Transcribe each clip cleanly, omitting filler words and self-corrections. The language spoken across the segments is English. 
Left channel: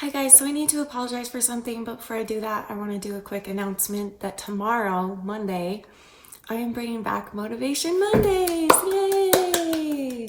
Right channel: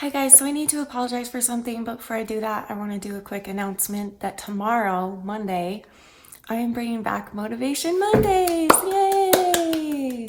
Hi guys, so I need to apologize for something, but before I do that, I want to do a quick announcement that tomorrow, Monday, I am bringing back Motivation Mondays. Yay!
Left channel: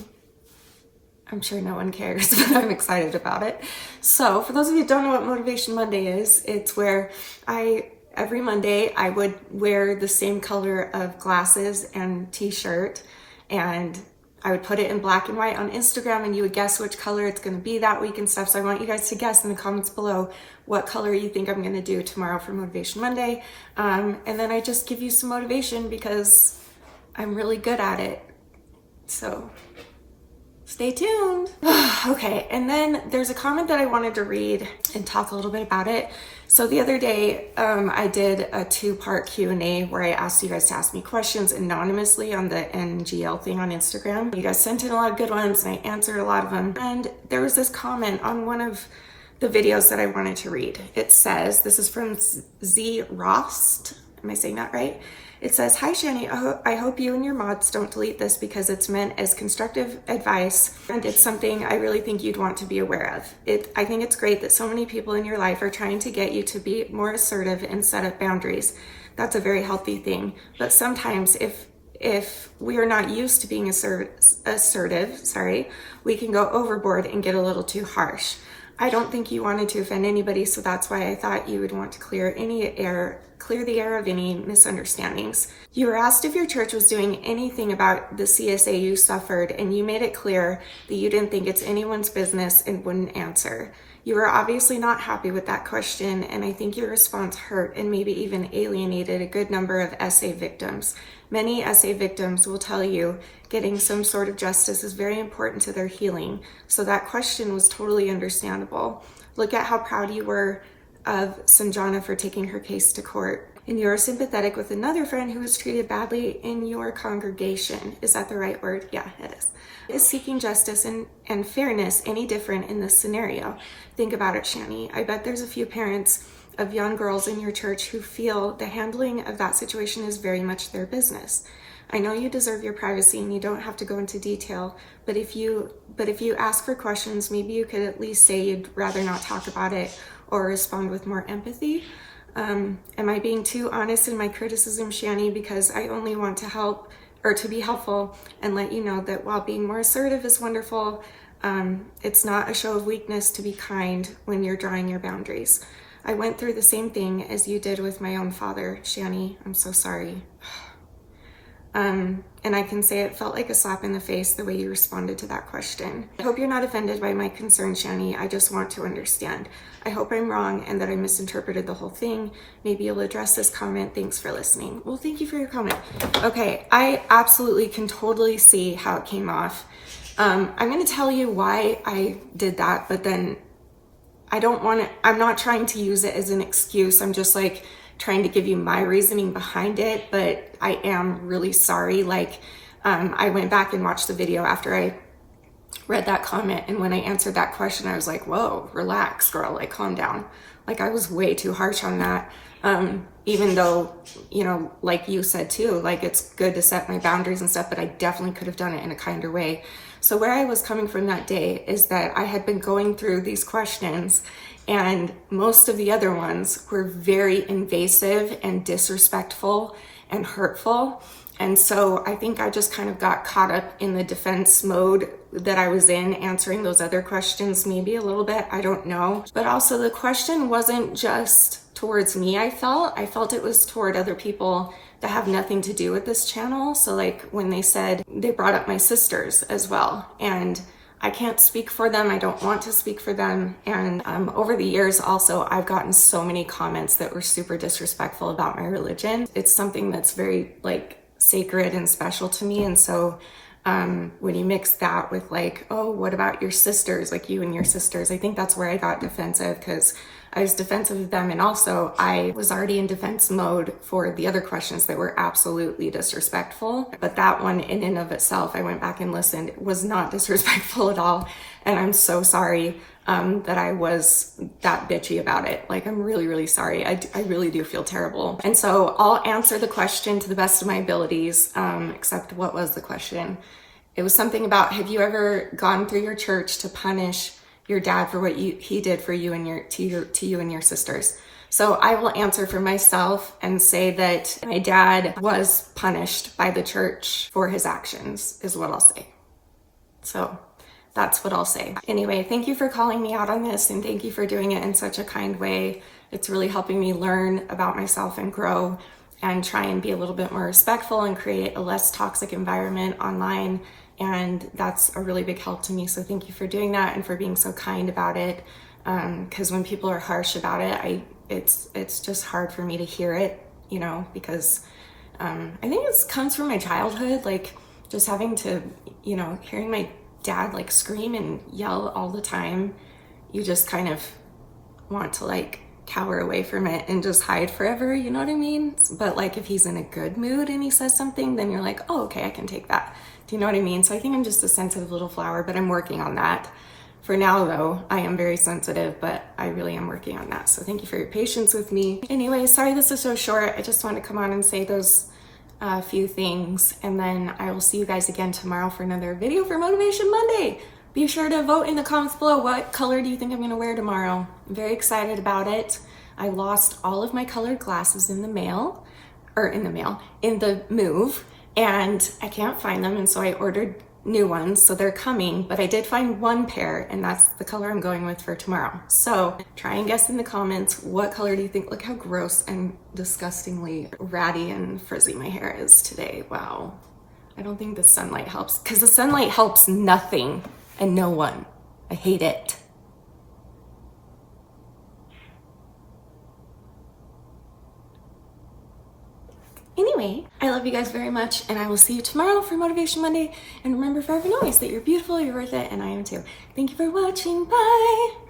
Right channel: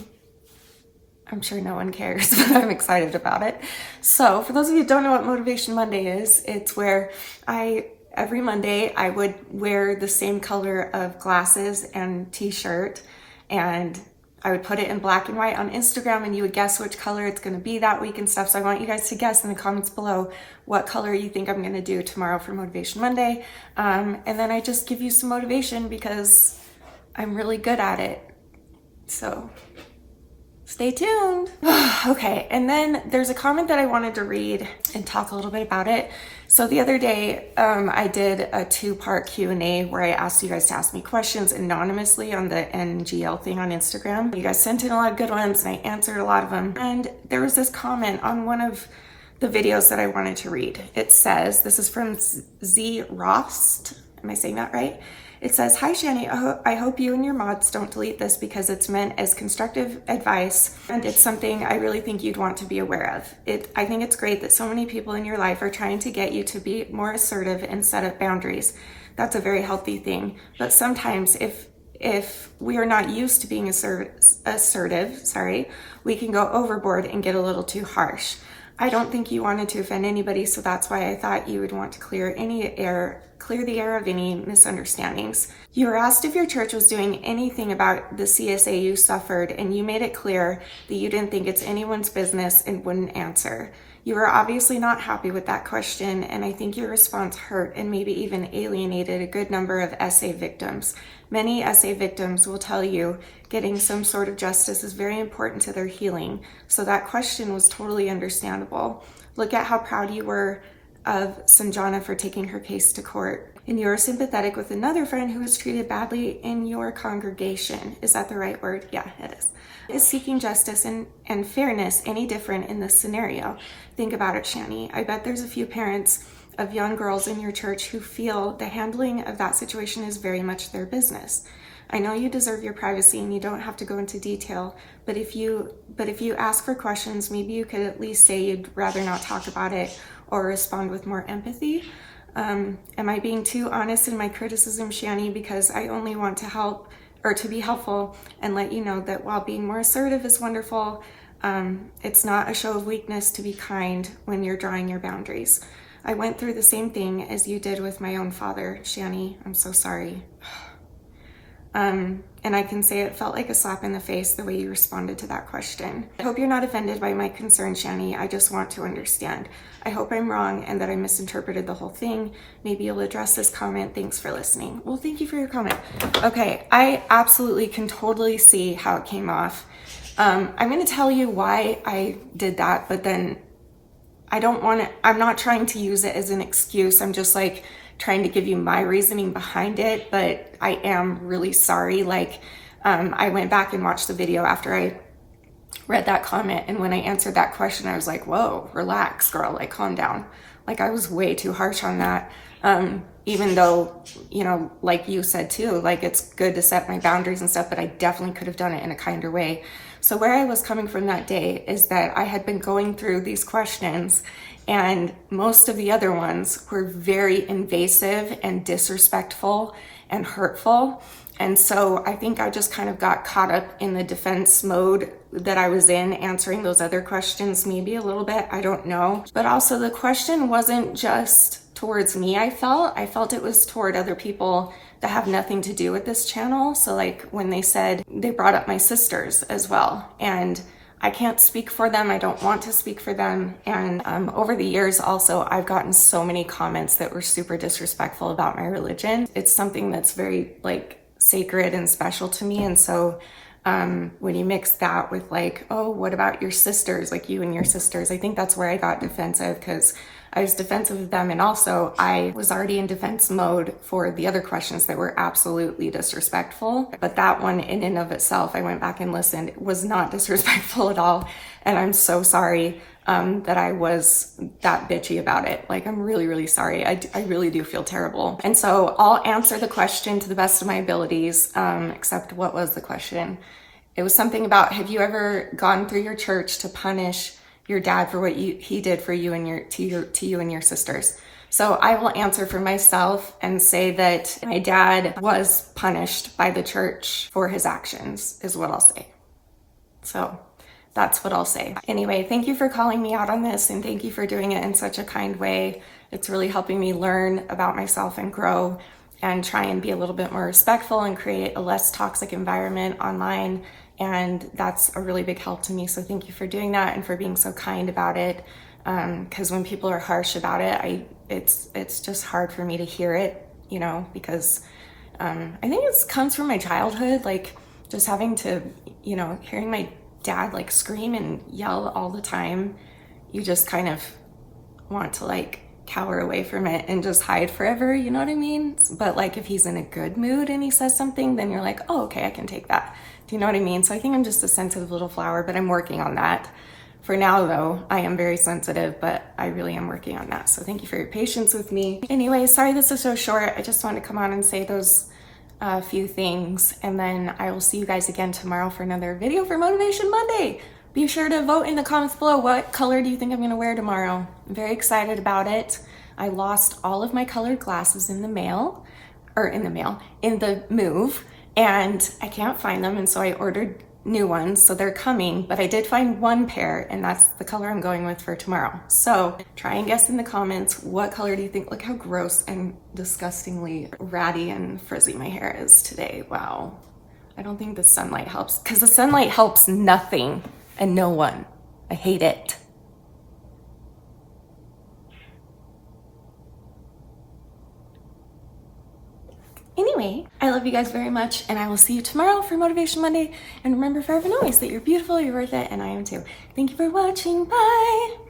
I'm sure no one cares, but I'm excited about it. So, for those of you who don't know what Motivation Monday is, it's where every Monday, I would wear the same color of glasses and t-shirt, and I would put it in black and white on Instagram, and you would guess which color it's going to be that week and stuff. So I want you guys to guess in the comments below what color you think I'm going to do tomorrow for Motivation Monday. And then I just give you some motivation because I'm really good at it. So stay tuned. Okay, and then there's a comment that I wanted to read and talk a little bit about it. So the other day, I did a 2-part Q&A where I asked you guys to ask me questions anonymously on the NGL thing on Instagram. You guys sent in a lot of good ones and I answered a lot of them. And there was this comment on one of the videos that I wanted to read. It says, this is from Z Rost. Am I saying that right? It says, "Hi Shani, I hope you and your mods don't delete this because it's meant as constructive advice and it's something I really think you'd want to be aware of. I think it's great that so many people in your life are trying to get you to be more assertive and set up boundaries. That's a very healthy thing. But sometimes if we are not used to being assertive, we can go overboard and get a little too harsh. I don't think you wanted to offend anybody, so that's why I thought you would want to clear the air of any misunderstandings. You were asked if your church was doing anything about the CSA you suffered, and you made it clear that you didn't think it's anyone's business and wouldn't answer. You were obviously not happy with that question, and I think your response hurt and maybe even alienated a good number of SA victims. Many SA victims will tell you getting some sort of justice is very important to their healing, so that question was totally understandable. Look at how proud you were of Sanjana for taking her case to court. And you're sympathetic with another friend who was treated badly in your congregation. Is that the right word? Yeah, it is. Is seeking justice and fairness any different in this scenario? Think about it, Shani. I bet there's a few parents of young girls in your church who feel the handling of that situation is very much their business. I know you deserve your privacy and you don't have to go into detail, but if you ask for questions, maybe you could at least say you'd rather not talk about it or respond with more empathy. Am I being too honest in my criticism, Shani? Because I only want to help or to be helpful and let you know that while being more assertive is wonderful, it's not a show of weakness to be kind when you're drawing your boundaries. I went through the same thing as you did with my own father, Shani. I'm so sorry. And I can say it felt like a slap in the face the way you responded to that question. I hope you're not offended by my concern, Shani. I just want to understand. I hope I'm wrong and that I misinterpreted the whole thing. Maybe you'll address this comment. Thanks for listening." Well, thank you for your comment. Okay, I absolutely can totally see how it came off. I'm going to tell you why I did that, but then I'm not trying to use it as an excuse. I'm just like trying to give you my reasoning behind it, but I am really sorry. I went back and watched the video after I read that comment, and when I answered that question, I was like, whoa, relax, girl, like calm down. Like I was way too harsh on that. Even though, like you said too, like it's good to set my boundaries and stuff, but I definitely could have done it in a kinder way. So where I was coming from that day is that I had been going through these questions and most of the other ones were very invasive and disrespectful and hurtful. And so I think I just kind of got caught up in the defense mode that I was in, answering those other questions maybe a little bit, I don't know. But also the question wasn't just towards me, I felt it was toward other people that have nothing to do with this channel. So like when they brought up my sisters as well. And I can't speak for them. I don't want to speak for them. And over the years also, I've gotten so many comments that were super disrespectful about my religion. It's something that's very sacred and special to me. And so when you mix that with oh, what about your sisters? Like you and your sisters, I think that's where I got defensive because I was defensive of them. And also I was already in defense mode for the other questions that were absolutely disrespectful. But that one in and of itself, I went back and listened, was not disrespectful at all. And I'm so sorry that I was that bitchy about it. I'm really, really sorry. I really do feel terrible. And so I'll answer the question to the best of my abilities, except what was the question? It was something about, have you ever gone through your church to punish your dad for what he did for you and to you and your sisters. So I will answer for myself and say that my dad was punished by the church for his actions, is what I'll say. So that's what I'll say. Anyway, thank you for calling me out on this, and thank you for doing it in such a kind way. It's really helping me learn about myself and grow and try and be a little bit more respectful and create a less toxic environment online. And that's a really big help to me. So thank you for doing that and for being so kind about it. Because when people are harsh about it, it's just hard for me to hear it, you know, because I think it comes from my childhood, like just having to, you know, hearing my dad like scream and yell all the time. You just kind of want to like cower away from it and just hide forever, you know what I mean? But like if he's in a good mood and he says something, then you're like, oh, okay, I can take that. Do you know what I mean? So I think I'm just a sensitive little flower, but I'm working on that. For now, though, I am very sensitive, but I really am working on that. So thank you for your patience with me. Anyway, sorry this is so short. I just wanted to come on and say those few things. And then I will see you guys again tomorrow for another video for Motivation Monday. Be sure to vote in the comments below. What color do you think I'm going to wear tomorrow? I'm very excited about it. I lost all of my colored glasses in the move, and I can't find them. And so I ordered new ones, so they're coming, but I did find one pair, and that's the color I'm going with for tomorrow. So try and guess in the comments, what color do you think? Look how gross and disgustingly ratty and frizzy my hair is today. Wow. I don't think the sunlight helps, because the sunlight helps nothing and no one. I hate it. Anyway, I love you guys very much, and I will see you tomorrow for Motivation Monday. And remember forever and always that you're beautiful, you're worth it, and I am too. Thank you for watching. Bye!